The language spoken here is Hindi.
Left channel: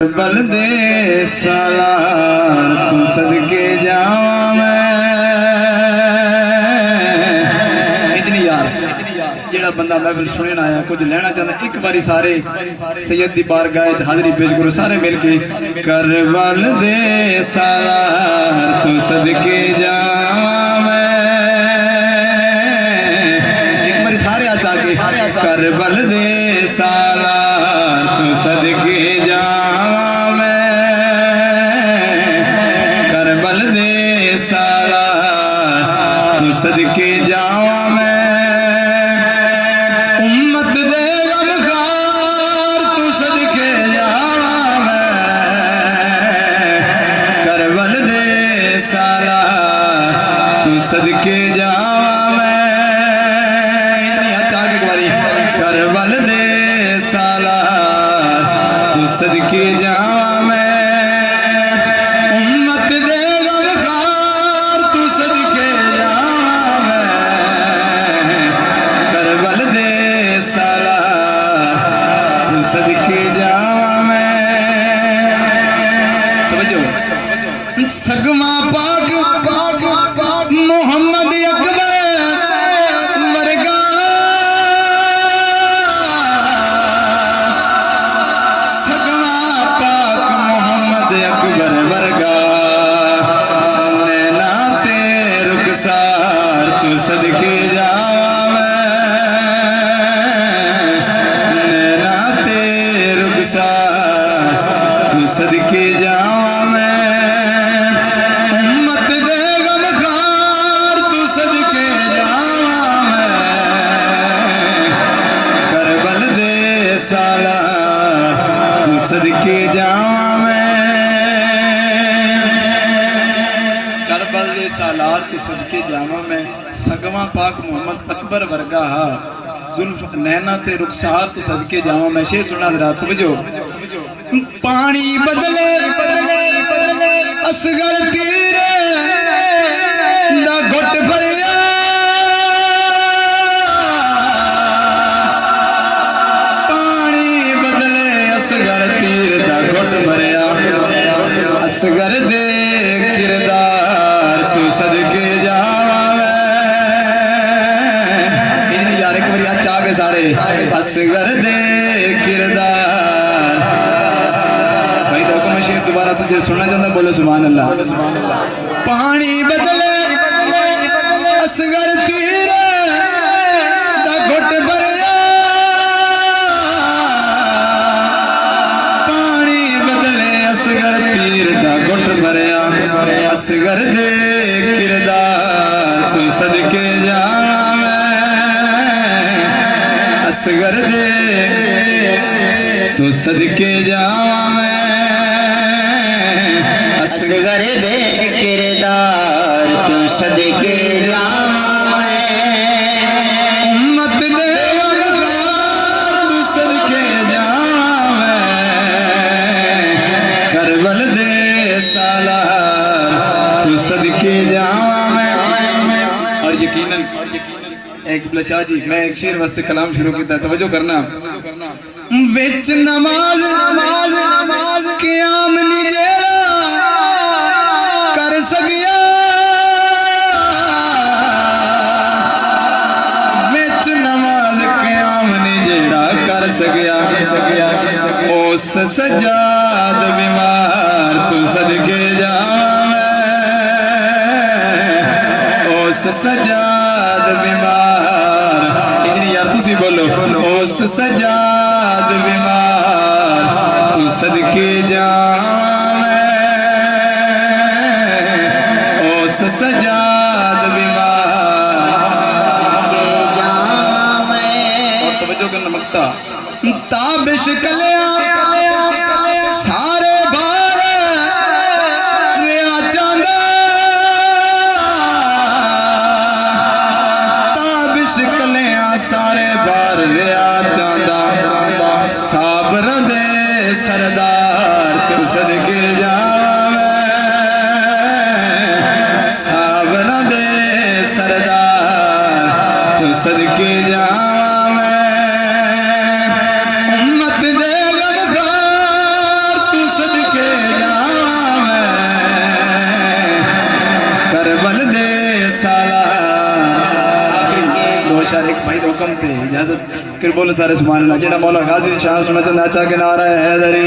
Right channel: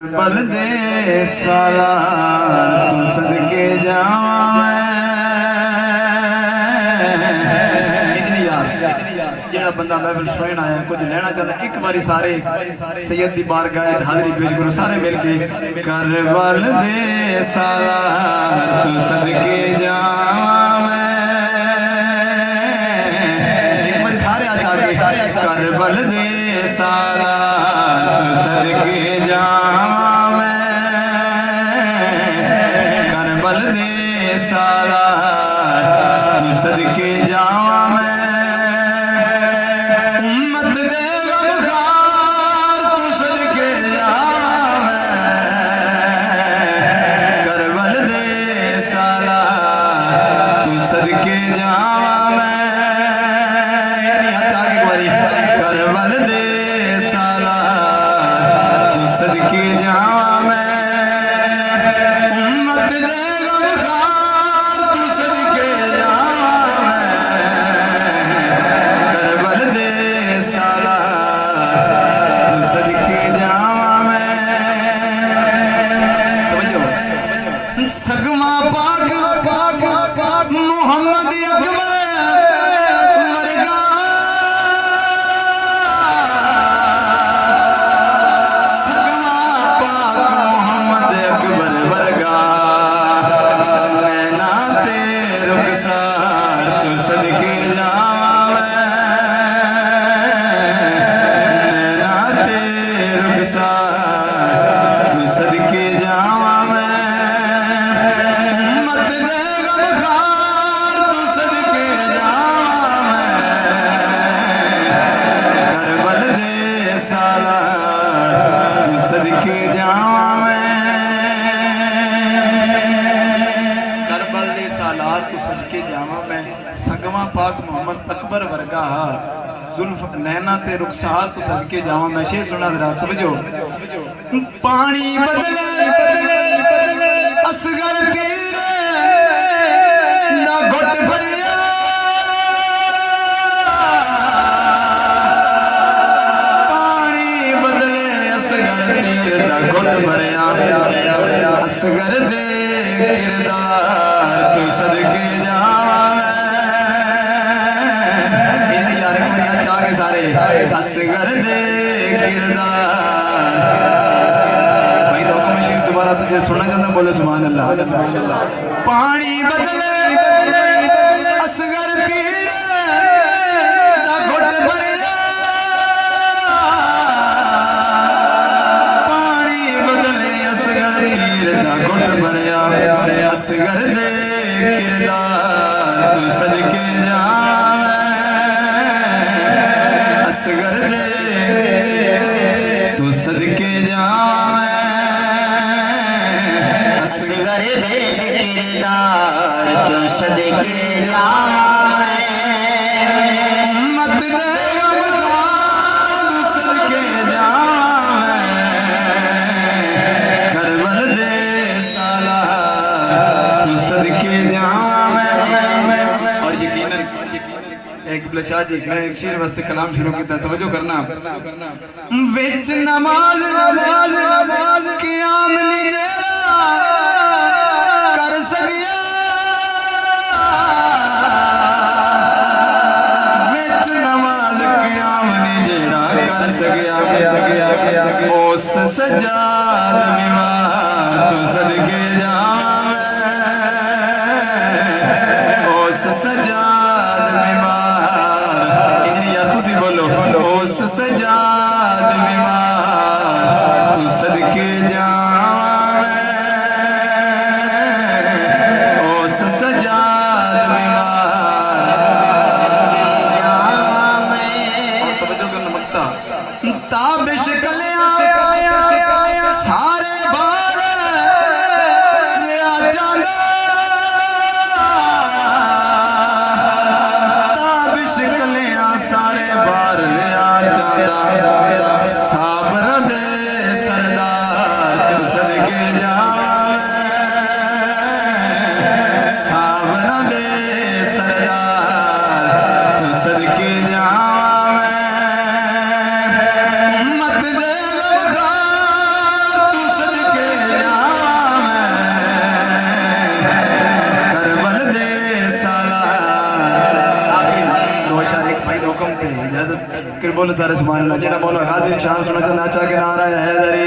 बल दे साला तू सदके जावा इतनी यार जेड़ा बंदा महफिल सुनने आया कुछ लेना चाहता एक बारी सारे सैयद दी बारगाह हाजिरी पेश करो सारे मिल के कर बल दे साला तू सदके जावा एक बारी सारे आ जाके कर बल दे साला तू सदके जावा बल दे साला तू सदके जावा मैं उम्मत दे गमखार तू सदके जावा मैं कर बल दे साला तू सदके जावा मैं इतनी अच्छा की बारी कर बल दे साला तू सदके जावा मैं सगमा पाक मोहम्मद अकबर वर्गा सगमा पाक मोहम्मद अकबर वर्गा नैना ते रुखसार तू सदके जावा नैना ते रुखसार तू सदके जावा सदके जावा मैं करबल दे सालार तू सदके जावा मैं सगवा पाक मोहम्मद अकबर वर्गा जुल्फ नैना ते रुखसार तू सदके जावा मैं शेर सुना जरा तवज्जो पानी बदले असगर तीरे दा घुट भरिया असगर दे किरदार तू सदके जावा यार एक बार चाह के सारे असगर दे किरदार भाई डॉक्यूमेंट शेर दोबारा तुझे सुनना चाहता बोले सुभान अल्लाह पानी बदले असगर तीरे दा घुट भरिया असगर दे किरदार तू सदके जावा असगर दे तू सदके जावा असगर दे किरदार तू सदके जावा उम्मत दे तू सदके जावा करबल दे साला सदके जावा मैं और यकीनन एक शाह जी मैं एक शेर वास्ते कलाम शुरू किया तवज्जो करना विच नमाज क़याम नी जेड़ा कर सकिया विच नमाज क़याम नी जेड़ा कर सकिया उस सजाद बीमार तू सदके जावा सजाद बीमार इतनी यार तुसी बोलो उस सजाद बीमार तू सदके जावा उस सजाद बीमार और तवज्जो करना मकता ताबिश कलिया सारे बार रिया चांदा सारे बार लिया चांदा साबर दे सरदार तू सदके जावा साबर दे सरदार तू सदके जावा उम्मत दे गमखार तू शारे भाई हुक्म थे इजाजत कर बोले सारे सुभान अल्लाह जेड़ा मौला गाजी दी शान सुनत नाचा के नारा है हैदरी